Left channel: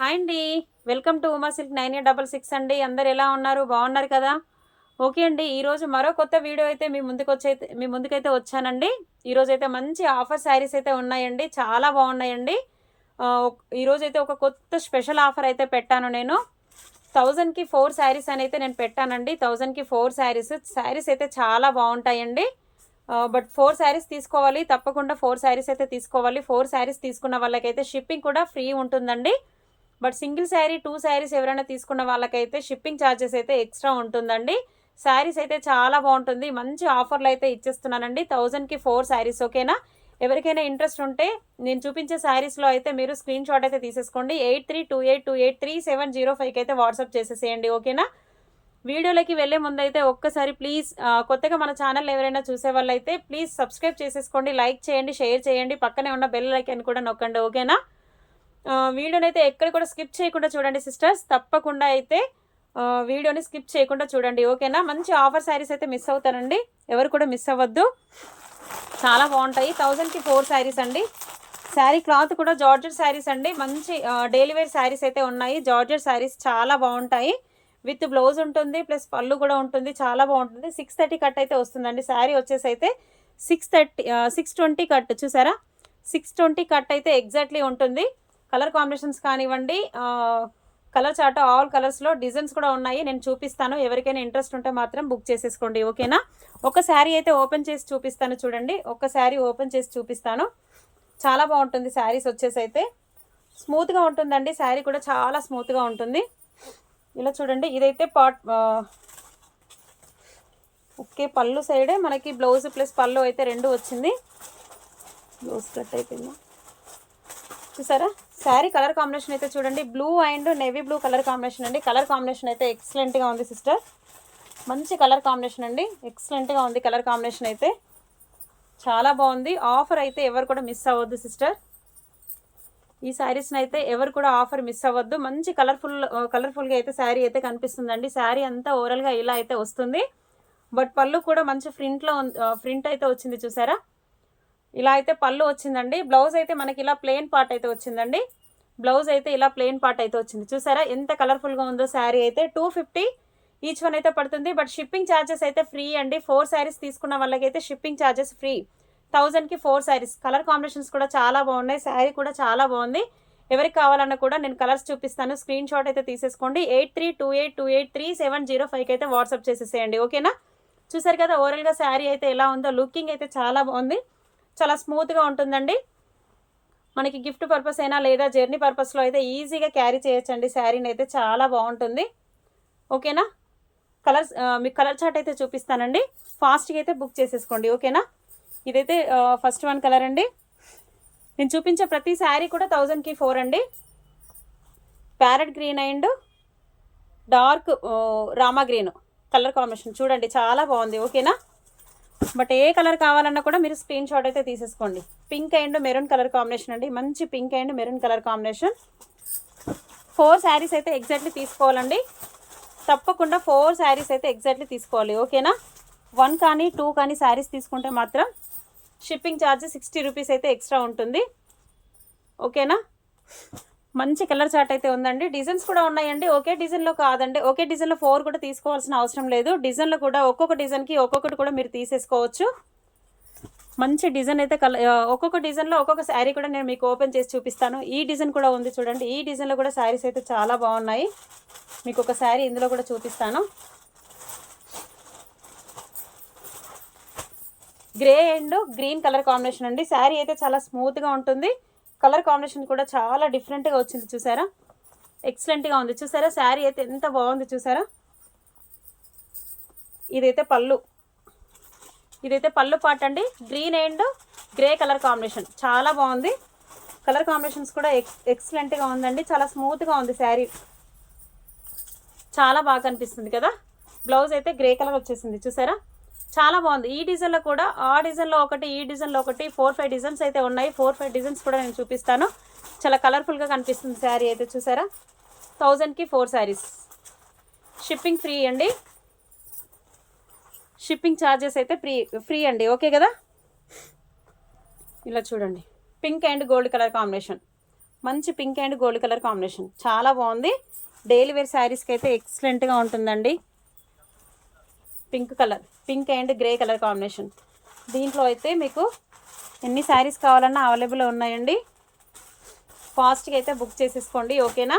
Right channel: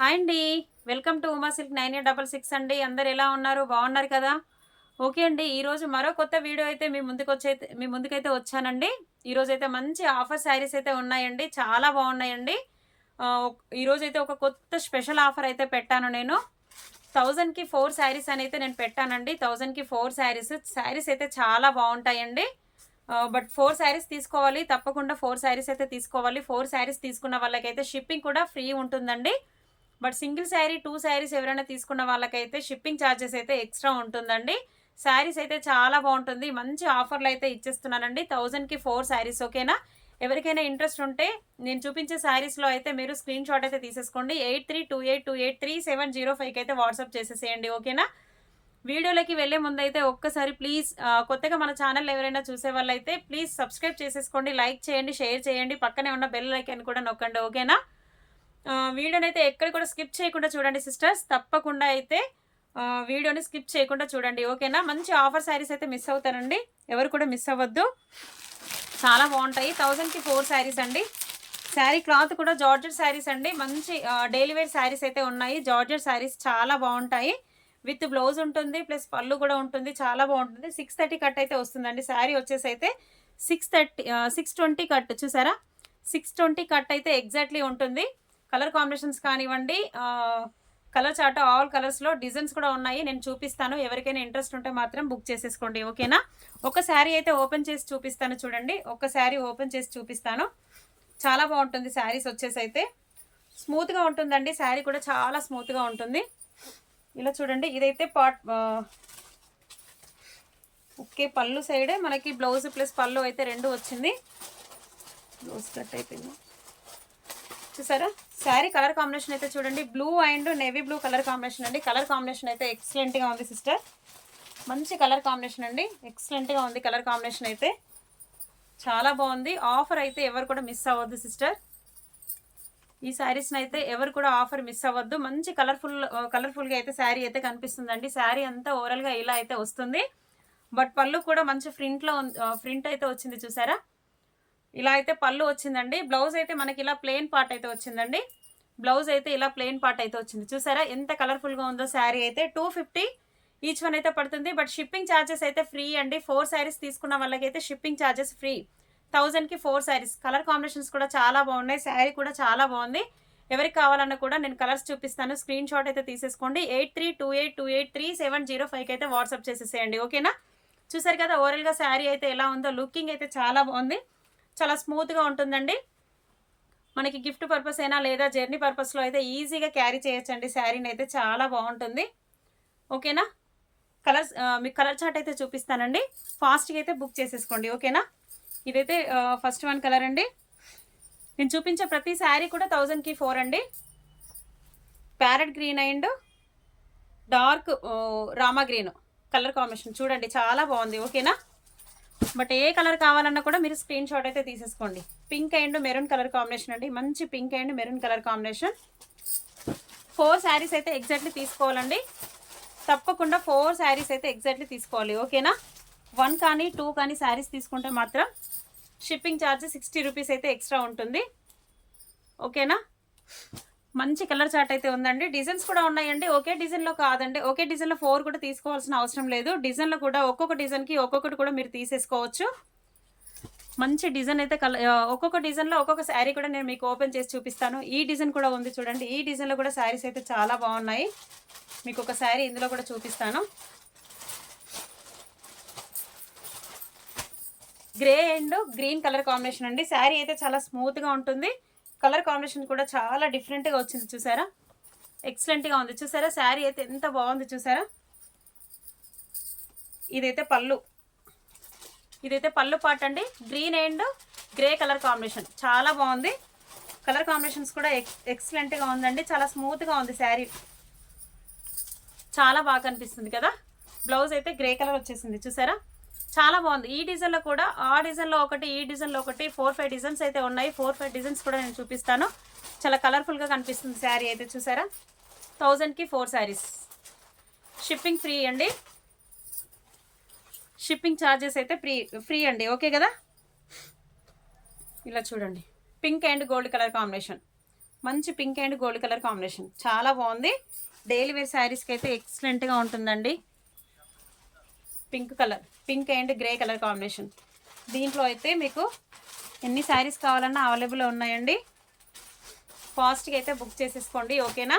Hi అండి. Welcome to Uma silk 9866 అండి. అందరు ఎలా ఉన్నారు? బాగున్నారు కదా? ఓకే అండి. ఈరోజు మరో కొత్త వీడియో అయితే మీ ముందుకైతే వచ్చానండి. ఈరోజైతే మంచి ఆఫర్ శారీస్ అయితే ఉన్నాయండి. చాలా బాగున్నాయండి. ఈరోజైతే ఒక కొత్త స్పెషల్ ఆఫర్ అయితే పెట్టాను నేను. 1000కి 4 శారీస్ అని అయితే నేను పెట్టానండి. 1000కి 4 శారీస్. శారీస్ అయితే చాలా బాగుంటాయండి. బట్ 4 శారీస్ తీసుకోవాలి. తప్పకుండా 4 శారీస్ అయితే తీసుకోవాలి. 4 శారీస్ తీసుకున్న వాళ్ళకైతే షిప్పింగ్ కూడా ఫ్రీ ఉంటుందండి. బట్ సింగిల్ శారీ 2 శారీస్ ఎవరైనా తీసుకున్న వాళ్ళకైతే షిప్పింగ్ ఛార్జెస్ అయితే ఎక్స్ట్రా ఉంటుందండి. శారీస్ అయితే చాలా బాగుంటుంది. మంచి ఆఫర్లు అయితే ఇచ్చేస్తున్నానండి. 1000కి 4 శారీస్. ఓకేనా? ఎవరికైనా ఇంట్రెస్ట్ ఉంటే నేను చూపించే శారీస్లో అయితే మీరు స్క్రీన్ షాట్ అయితే తీసేసుకోండి. 8328283705కి అయితే వాట్సాప్ చేసేసేయండి. ఓకేనా? వీడియోలోకి వెళ్ళే ముందు అయితే ఒక్కసారి ప్లీజ్ కొత్తగా మన ఛానల్ ఎవరైనా చూసే వాళ్ళైతే ప్లీజ్ సబ్స్క్రైబ్ చేసేసుకోండి, లైక్ చేయండి, షేర్ చేయండి, పక్కనే ఉన్న బెల్ ఐకాన్ కూడా నొక్కండి. ఓకేనా? వీడియోని అయితే ఎక్కడ కూడా స్కిప్ చేయకుండా చూడండి సిస్టర్స్. తప్పకుండా అయితే వీడియోని స్కిప్ చేయకుండా చూడండి. ఓకేనా? మంచి ఆఫర్ శారీస్ అయితే మిస్ అవుతారండి. ఎవరు కూడా మిస్ అవ్వద్దు. చాలా బాగుంటాయి. 1000కి 4 శారీస్ అండి. శారీ క్లాత్ కూడా జార్జెట్ శారీస్ అండి. మంచి డైలీ వేర్ శారీస్ అయితే ఉన్నాయి. జార్జెట్ శారీస్ చాలా బాగుంటాయి. విత్ బ్లౌజ్ ఉంటుంది, ప్లస్ పళ్ళు కూడా ఉంటుంది. చాలా బాగుంటుంది. 630 కట్ అయితే వస్తుందండి. శారీ వచ్చేసి అయితే 620 కట్. చూసారా? 620 కట్ అయితే ఎగ్జాక్ట్లీ ఉంటుంది. కలర్ కాంబినేషన్స్ కానివ్వండి, కలర్ చార్ట్ ఆల్ కలర్స్లో డిజైన్స్ కూడా ఉన్నాయి. నేను చూపిస్తాను. ఎవరికైనా ఇంట్రెస్ట్ ఉంటే మాత్రం బుక్ చేసేసుకోండి. ఓకేనా? ఒక శారీ అయితే ఓపెన్ చేసి చూపిస్తాను చూడండి. ఒక శారీ ఓపెన్ చేసి చూపిస్తాను. చాలా బాగుంటుంది. శారీస్ వచ్చేసి అయితే స్మూత్గా ఉంటుందండి. శారీ కూడా చాలా స్మూత్గా ఉంటుంది. ఇలా చూడండి. ఇదైతే ఓకే, పళ్ళు సైడ్ మనకి బ్లౌజ్ ప్లస్ పళ్ళు అయితే రెండు వచ్చింది. బ్లౌజ్ కట్ అయిపోయింది. చూసారా? శారీ కలర్ కాంబినేషన్ అయితే చూడండి. Blue and navy blue colour combination అండి. కలర్ కాంబినేషన్ అయితే ఎక్సలెంట్గా ఉంది సిస్టర్. మంచి కలర్ కాంబినేషన్ అండి. ఎక్సలెంట్గా ఉంది కలర్ కాంబినేషన్ అయితే. చాలా బాగుంది. ఆఫర్ అయితే ఎవరు కూడా మిస్ అవ్వద్దు సిస్టర్. ఈ శారీస్ని అయితే ఎవరు కూడా ఆఫర్ మిస్ అవ్వద్దు. మంచి కలర్ఫుల్గా అయితే శారీ అయితే కనిపిస్తుందండి. శారీ అంతా ఓవరాల్గా ఇలా అయితే వస్తుంది. బట్ పళ్ళు కూడా మంచి ప్రింట్ అయితే వచ్చింది. చూసారా? ఇలా అయితే పళ్ళు వచ్చిందండి. బ్లౌజ్ అయితే మనకి ఇలా ప్లెయిన్ పార్ట్ అయితే వచ్చిందండి. బ్లౌజ్ అయితే ఇలా ప్లెయిన్ పార్ట్ అయితే వచ్చింది. చూసారా ఎంత కలర్ఫుల్గా ఉందో శారీ అయితే. 250 ఈచ్ వన్ అయితే పడుతుంది. బట్ షిప్పింగ్ ఛార్జెస్ అయితే ఫ్రీ అండి. 4 శారీస్ తీసుకున్న వాళ్ళకైతే షిప్పింగ్ ఛార్జెస్ ఫ్రీ. 1000కి 4 శారీస్. కలర్ కాంబినేషన్స్ కూడా చాలా బాగున్నాయి. శారీ కూడా చాలా బాగుంది. ఎవరికి కావాలన్నా కూడా నేను కలర్స్ చూపిస్తాను. స్క్రీన్ షాట్ అయితే తీసేసుకోండి. 8328283705కి అయితే వాట్సాప్ చేసేసేయండి. ఓకేనా? చూసారు కదా ఓవరాల్గా శారీ అయితే ఎలా ఉందో. లుకింగ్ అయితే చాలా బాగుంది. చాలా స్మూత్గా ఉంటుందండి. మనకి గిఫ్ట్ పర్పస్ అయినా లేదా జర్నీ పర్పస్లో అయితే ఈజీగా క్యారీ చేయొచ్చండి. శారీని అయితే చాలా బాగుంటుంది. ఓకేనా? మీకు కలర్ చార్ట్ అయితే చూపిస్తానండి. ఫాస్ట్గా అయితే బుక్ చేసేసుకోండి. ఓకేనా? ఇదైతే ఫస్ట్ వన్ కలర్ అండి. నేను చూపించే ప్రతి శారీ కూడా 1000కి 4 అండి. Parrot green and dark Rama green colour combination చూడండి. చాలా బాగుంది. ఓకేనా? బట్ ఏ కలర్ కావాలన్నా కూడా మీరు స్క్రీన్ షాట్ అయితే తీసేసుకోండి. Pink and maroon colour combination అండి. మంచి pink and maroon colour combination. 4 saris అయితే ఎగ్జాక్ట్లీ తీసుకోవాలండి. తప్పకుండా 4 శారీస్ అయితే ఎగ్జాక్ట్లీ తీసుకోవాలి. ఓకేనా? 1 కానీ 2 కానీ శారీస్ తీసుకుంటే మాత్రం షిప్పింగ్ ఛార్జ్ 60 రూపీస్ అయితే ఎక్స్ట్రా ఉంటుంది. ఓకేనా? మంచి కలర్ చార్ట్ అయితే ఉందండి. డిజైన్స్ కూడా ఉన్నాయండి. ఒకే డిజైన్లో కాదండి. ఒకే డిజైన్లో 4 కూడా తీసుకోవాల్సిన అవసరం లేదు. డిజైన్లో కూడా ఒక్కొక్క డిజైన్కి ఒక్కొక్కటి కూడా మీరు తీసేసుకోవచ్చు. మంచి డిజైన్ అయితే ఒక్కొక్క డిజైన్లో ఒక్కొక్క శారీ కూడా నేను మీకు ఓపెన్ చేసి చూపిస్తాను. ఈ డిజైన్ కూడా ఉంది చూడండి. ఈ డిజైన్లో కూడా శారీస్ అయితే చాలా బాగున్నాయి. మీకు ఒక శారీ ఇందులో కూడా చూపిస్తాను. Grey and green colour combination అండి. శారీ అయితే చాలా స్మూత్గా ఉంటుంది. కలర్ కాంబినేషన్ కూడా చాలా డిఫరెంట్గా వచ్చింది. చూసారా? ఎక్సలెంట్గా ఉంది. చూసారా? శారీ అయితే ఎంత బాగుంది. చూసారా? ఇదైతే పళ్ళు పార్ట్ అండి. Green and grey colour combination చాలా బాగుంది. కలర్ కాంబినేషన్స్ కూడా ఎక్సలెంట్గా ఉందండి. చాలా స్మూత్గా ఉంది శారీ. చాలా బాగా కనిపిస్తుంది కదా? బ్లౌజ్ అయితే గ్రే కలర్ వచ్చేసింది. చూసారా? చాలా బాగుంది. ఈ డిజైన్లో కూడా ఆ డిజైన్లో ఒకటి, ఈ డిజైన్లో ఒకటి 4-5 డిజైన్స్ అయితే ఉన్నాయి. 4-5 డిజైన్స్ కూడా నేను చూపిస్తాను. చాలా కలర్ఫుల్గా కనిపిస్తుంది శారీ అయితే. చూసారా? 1000కి 4 శారీస్. షిప్పింగ్ ఫ్రీ అండి. షిప్పింగ్ ఛార్జెస్ అయితే ఫ్రీ అండి. ఓకే కదా? ఇలా చూడండి. Pink and gold colour combination మంచి pink and gold colour combination, చాలా బాగుంది. డైలీ వేర్ శారీస్కి అయితే ఎక్సలెంట్గా ఉంటుందండి. Pink colour, pink and grey colour combination. దీంట్లో అయితే మీకు ఎన్ని శారీస్ కావాలన్నా అవైలబుల్ ఉన్నాయండి. ఫాస్ట్గా అయితే బుక్ చేసేసుకోండి, ఓకేనా.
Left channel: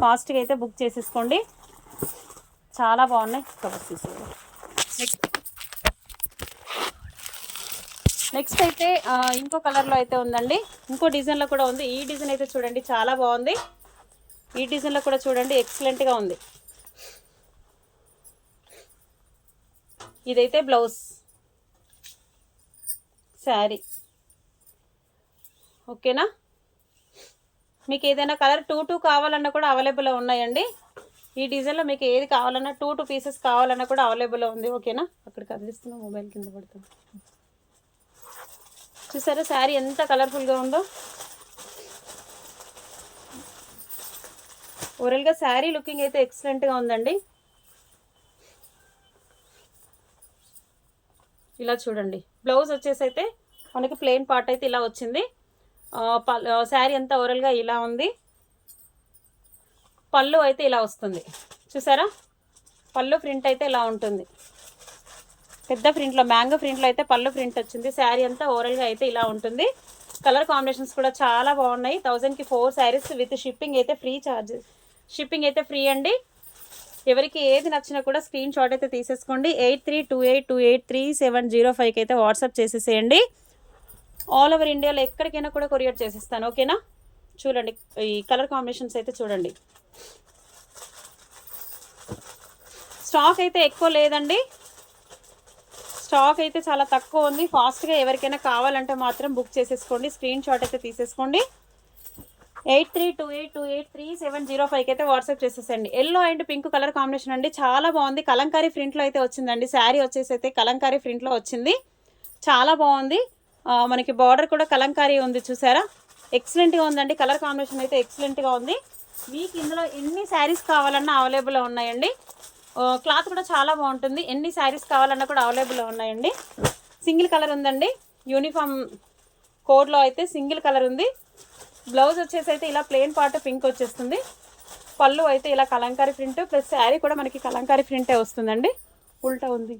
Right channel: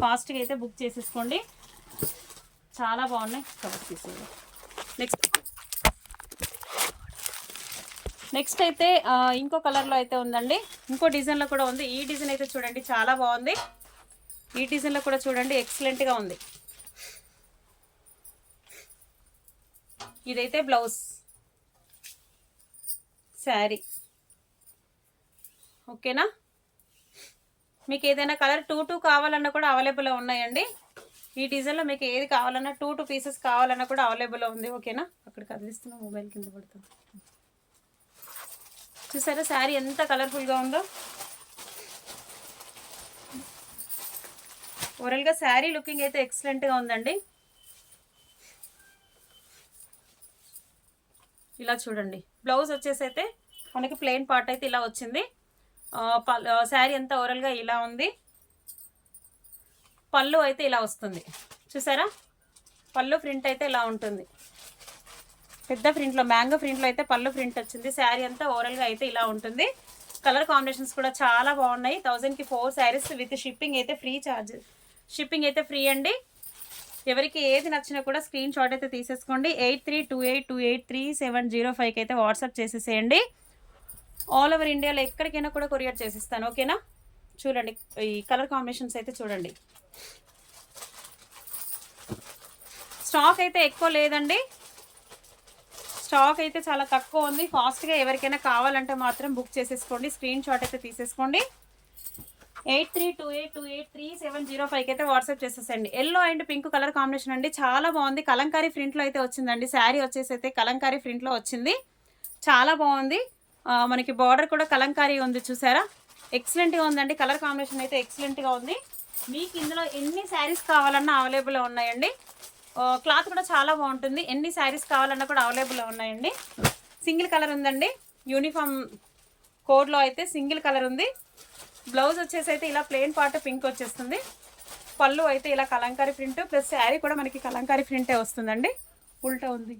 ఫాస్ట్గా అయితే బుక్ చేసేసుకోండి, చాలా బాగున్నాయి. కవర్ తీసేయాలి. నెక్స్ట్ అయితే ఇంకో కలర్లో అయితే ఉందండి, ఇంకో డిజైన్లో కూడా ఉంది. ఈ డిజైన్ అయితే చూడండి చాలా బాగుంది. ఈ డిజైన్లో కూడా చూడండి ఎక్సలెంట్గా ఉంది. ఇదైతే బ్లౌజ్ శారీ, ఓకేనా. మీకు ఏదైనా కలర్ 2 కావాలన్నా కూడా అవైలబుల్ ఉన్నాయండి. ఈ డిజైన్లో మీకు ఏది కావాలన్నా 2 పీసెస్ కావాలన్నా కూడా అవైలబుల్ ఉంది, ఓకేనా. అక్కడ కదిలిస్తున్నా మొబైల్ కింద పడుతుంది. చూసారా శారీ ఎంత కలర్ఫుల్గా ఉందో. ఓవరాల్గా శారీ లుకింగ్ అయితే ఎక్సలెంట్గా ఉందండి. ఇలా చూడండి. బ్లౌజ్ వచ్చేసి అయితే మనకి ప్లెయిన్ పార్ట్ అయితే ఇలా వచ్చింది. శారీ అంతా ఓవరాల్గా ఇలా ఉంది. పళ్ళు అయితే ఇలా వస్తుంది, చూసారా. పళ్ళు ప్రింట్ అయితే ఇలా ఉంటుంది. పెద్ద ప్రింట్లో, మ్యాంగో ప్రింట్లో అయితే పళ్ళు ప్రింట్ వచ్చింది. శారీ అంతా ఓవరాల్గా అయితే ఇలా ఉంటుంది. కలర్ కాంబినేషన్స్ కూడా చాలా బాగున్నాయి. 1000కి 4 శారీస్ విత్ షిప్పింగ్ అయితే ఫ్రీ ఛార్జ్. షిప్పింగ్ అయితే ఫ్రీ అండి. ఎవరికి ఏది నచ్చినా కూడా స్క్రీన్ షాట్ అయితే తీసేసుకోండి. 8328283705కి అయితే వాట్సాప్ చేసేసేయండి. ఆల్ ఓవర్ ఇండియాలో ఎక్కడికైనా కూడా కొరియర్ చేసేస్తాను, ఓకేనా. చూడండి ఈ కలర్ కాంబినేషన్స్ అయితే చూడండి. స్టాక్ అయితే ఎక్కువ లేదండి, స్టాక్ అయితే చాలా తక్కువ ఉంది. ఫాస్ట్గా ఎవరికైనా కావాలంటే మాత్రం బుక్ చేసేసుకోండి, స్క్రీన్ షాట్ అయితే తీసేసుకోండి. 8328283705కి అయితే వాట్సాప్ చేసేసండి. Yellow and pink colour combination అండి, చాలా బాగుంది. కలంకారీ ప్రింట్లో అయితే వచ్చిందండి. శారీ వచ్చేసి అయితే కలంకారీ ప్రింట్లో వచ్చింది, చాలా బాగుంది. మనకి బార్డర్ కూడా కలంకారీ ఉంది, చూసారా. ఎక్సలెంట్గా ఉందండి. కలర్ కాంబినేషన్ అయితే ఎక్సలెంట్గా ఉంది. మీకు ఇందులో ఎన్ని శారీస్ కావాలన్నా అవైలబుల్ ఉన్నాయండి. క్లాత్ కూడా చాలా బాగుంటుంది. ఎన్ని శారీస్ కావాలన్నా కూడా అవైలబుల్ ఉన్నాయండి. సింగిల్ కలర్ ఉందండి, యూనిఫామ్ కోడ్లో అయితే సింగిల్ కలర్ ఉంది. బ్లౌజ్ వచ్చేసి అయితే ఇలా ప్లెయిన్ పార్ట్ పింక్ వచ్చేస్తుంది. పళ్ళు అయితే ఇలా కలంకారీ ప్రింట్ ప్లస్ శారీ కూడా మనకి కలంకారీ ప్రింటే వస్తుందండి. ఉల్టా ఉంది.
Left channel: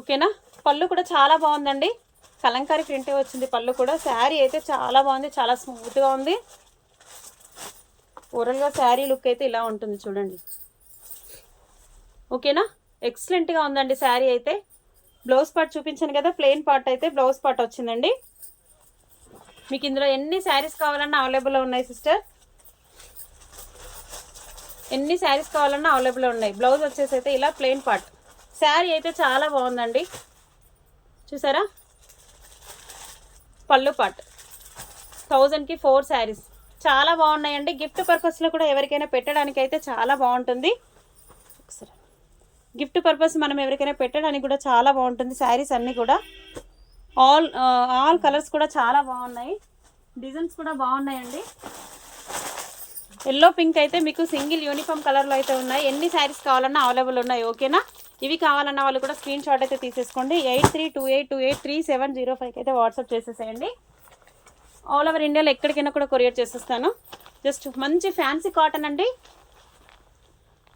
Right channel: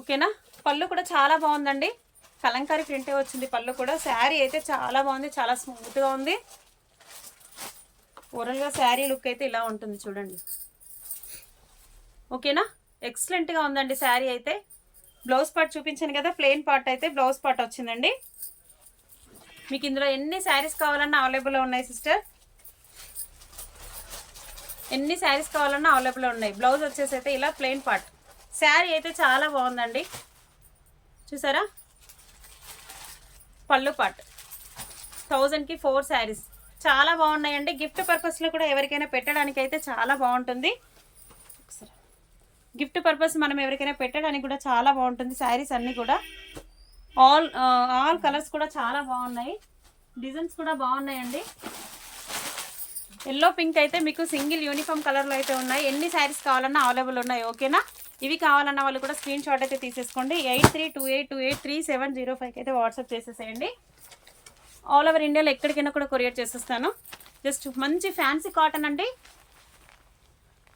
ఓకేనా. పళ్ళు కూడా చాలా బాగుందండి, కలంకారీ ప్రింటే వచ్చింది పళ్ళు కూడా. శారీ అయితే చాలా బాగుంది, చాలా స్మూత్గా ఉంది. ఓవరాల్గా శారీ లుక్ అయితే ఇలా ఉంటుంది చూడండి, ఓకేనా. ఎక్సలెంట్గా ఉందండి శారీ అయితే. బ్లౌజ్ పార్ట్ చూపించాను కదా, ప్లెయిన్ పార్ట్ అయితే బ్లౌజ్ పార్ట్ వచ్చిందండి. మీకు ఇందులో ఎన్ని శారీస్ కావాలన్నా అవైలబుల్ ఉన్నాయి సిస్టర్, ఎన్ని శారీస్ కావాలన్నా అవైలబుల్ ఉన్నాయి. బ్లౌజ్ వచ్చేసి అయితే ఇలా ప్లెయిన్ పార్ట్. శారీ అయితే చాలా బాగుందండి, చూసారా. పళ్ళు పార్ట్ 1000కి 4 శారీస్ చాలా బాగున్నాయండి. గిఫ్ట్ పర్పస్లో కూడా ఎవరికైనా పెట్టడానికి అయితే చాలా బాగుంటుంది. గిఫ్ట్ పర్పస్ మనం ఎవరికైనా పెట్టడానికి కూడా చాలా బాగుంటుంది. శారీస్ అన్నీ కూడా ఆల్ కలర్స్ కూడా చాలా బాగున్నాయి, డిజైన్స్ కూడా బాగున్నాయండి. ఎల్లో పింక్ అయితే మీకు సింగిల్ యూనిఫామ్ కలర్లో అయితే ఉన్నాయి. ఎన్ని శారీస్ కావాలన్నా అవైలబుల్ ఉన్నాయి, ఓకేనా. ఇవి కావాలన్న వాళ్ళు కూడా స్క్రీన్ షాట్ అయితే తీసేసుకోండి. 8328283705కి అయితే వాట్సాప్ చేసేసేయండి. ఆల్ ఓవర్ ఇండియాలో ఎక్కడికైనా కూడా కొరియర్ చేసేస్తాను. జస్ట్ మంచి ఫ్యాన్సీ కాటన్ అండి,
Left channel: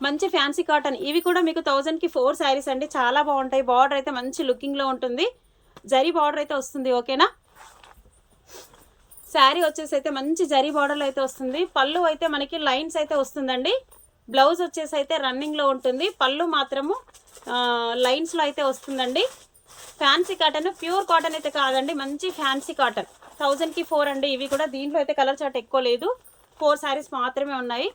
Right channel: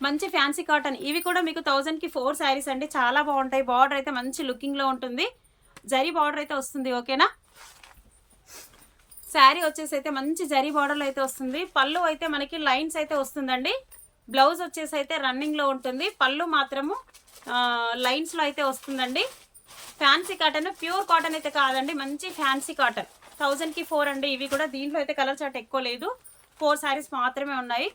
మంచి ఫ్యాన్సీ కాటన్. ఇవి కూడా మీకు 1000కి 4 శారీస్ అండి, చాలా బాగుంటాయి. బార్డర్ అయితే మంచి లుకింగ్లో ఉంటుంది, జరీ బార్డర్ అయితే వస్తుంది, ఓకేనా. శారీ వచ్చేసి అయితే మంచి జరీ బార్డర్లో అయితే వస్తుంది. పళ్ళు అయితే మనకి లైన్స్ అయితే వస్తుందండి. బ్లౌజ్ వచ్చేసి అయితే రన్నింగ్లో ఉంటుంది, పళ్ళు మాత్రము లైన్స్లో అయితే వస్తుందండి. ఫ్యాన్సీ కాటన్, ప్యూర్ కాటన్ అయితే కాదండి, మంచి ఫ్యాన్సీ కాటన్. 1000కి 4 అండి ఇవి కూడా. దీంట్లో అయితే కలర్ చార్ట్ ఎక్కువ లేదు, 4 శారీస్ మాత్రమే ఉన్నాయి.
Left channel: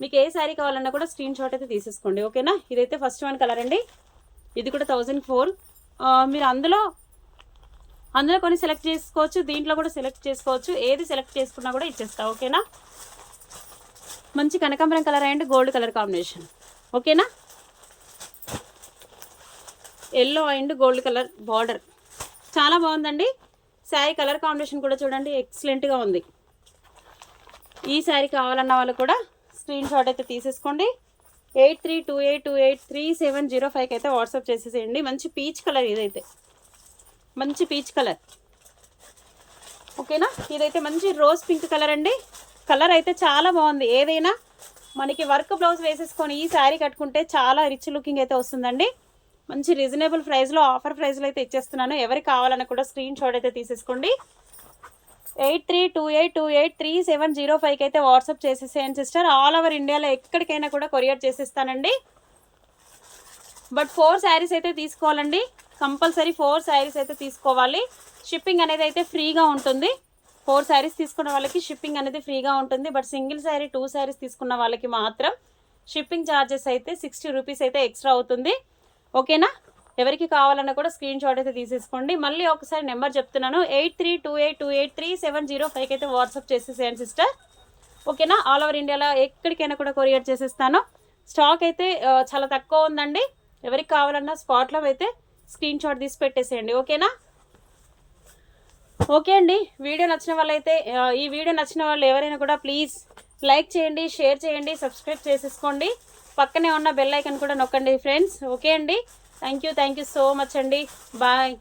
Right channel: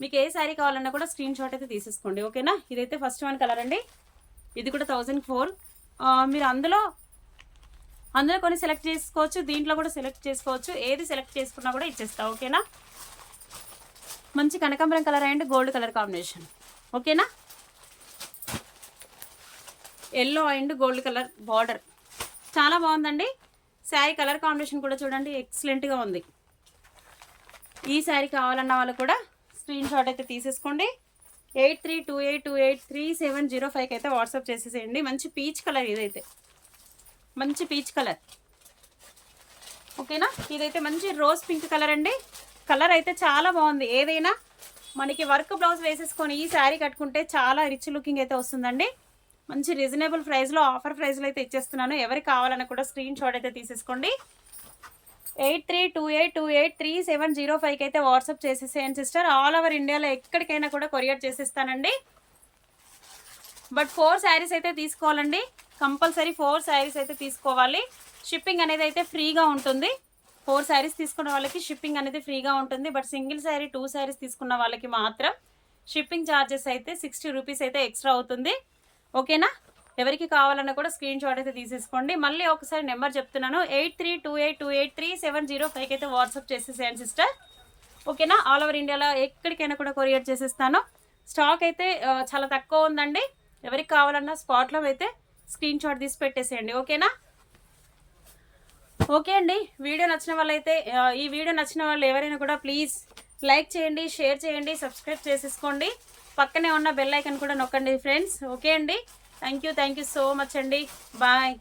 మీకు ఏ శారీ కావాలన్నా కూడా స్క్రీన్ షాట్ అయితే తీసేసుకోండి, ఓకేనా. ఇదైతే ఫస్ట్ వన్ కలర్ అండి, ఇది కూడా 1000కి 4. మీరు అందులో కొన్ని సెలెక్ట్ చేసుకోవచ్చు, దీంట్లో కూడా సెలెక్ట్ చేసుకోవచ్చు. ఏది సెలెక్ట్ చేసుకున్నా కూడా ఇచ్చేస్తా, ఓకేనా. మంచి కనకాంబరం colour and gold colour combination, ఓకేనా. Yellow and gold colour border చాలా బాగుందండి. శారీ కలర్ కాంబినేషన్ కూడా చూడండి ఎక్సలెంట్గా ఉంది. ఈ శారీ కావాలన్న వాళ్ళు కూడా స్క్రీన్ షాట్ అయితే తీసేసుకోండి. 8328283705కి అయితే వాట్సాప్ చేసేసేయండి. మంచి పీచ్ కలర్, ఇదైతే మంచి పీచ్ కలర్, ఓకేనా. ఇదైతే మంచి రోజ్ పింక్ కలర్ అండి. కలర్ అయితే చాలా బాగుంది. ఏదైనా మనకి వర్క్ బ్లౌజ్ వేసేసుకొని ఈ శారీ కట్టుకుంటే చాలా రిచ్ లుకింగ్ అయితే వస్తుందండి. మంచి రీజనబుల్ ప్రైస్లో, ఆఫర్ ప్రైస్లో అయితే ఇచ్చేస్తున్నాను. ఎవరికి కావాలన్నా కూడా స్క్రీన్ షాట్ అయితే తీసేసుకోండి. 8328283705కి అయితే వాట్సాప్ చేసేసేయండి సిస్టర్. ఆల్ ఓవర్ ఇండియాలో ఎక్కడికైనా కూడా కొరియర్ చేసేస్తానండి. బట్ 4 శారీస్ అయితే తీసుకోవాలండి, కంపల్సరీ 4 శారీస్ అయితే తీసుకోవాలి. షిప్పింగ్ అనేది అయితే ఫ్రీగా ఉంటుంది. 4 శారీస్ తీసుకున్న వాళ్ళకి షిప్పింగ్ అనేది ఫ్రీగా ఉంటుంది. బట్ సింగిల్ శారీ 2 శారీస్ తీసుకున్న వాళ్ళకి మాత్రం షిప్పింగ్ ఛార్జెస్ అయితే 60 రూపీస్ అయితే ఎక్స్ట్రా అవుతుంది, ఓకేనా. ఎవరికి కావాలన్నా కూడా స్క్రీన్ షాట్ అయితే తీసేసుకోండి. మళ్ళీ ఒకసారి నెంబర్ చెప్తున్నాను, 8328283705కి అయితే వాట్సాప్ చేసేసేయండి సిస్టర్, ఓకేనా. ఆల్ ఓవర్ ఇండియాలో ఎక్కడికైనా కూడా కొరియర్ చేసేస్తాను. స్టాక్ అయితే చాలా తక్కువ ఉందండి. ఎవరికి కావాలన్నా స్పాట్లో అయితే స్క్రీన్ షాట్ తీసి పెట్టేసేయండి, ఓకేనా. ఓకే అండి, వీడియో నచ్చిన వాళ్ళైతే ఈ వీడియో నచ్చిన వాళ్ళు ఎవరైనా కూడా ప్లీజ్ లైక్ చేయండి, షేర్ చేయండి, సబ్స్క్రైబ్ చేసేసుకోండి. పక్కనే ఉన్న బెల్ ఐకాన్ కూడా నొక్కండి ఫ్రెండ్స్, ఓకే అండి. థ్యాంక్ యూ సో మచ్ అండి. బాయ్.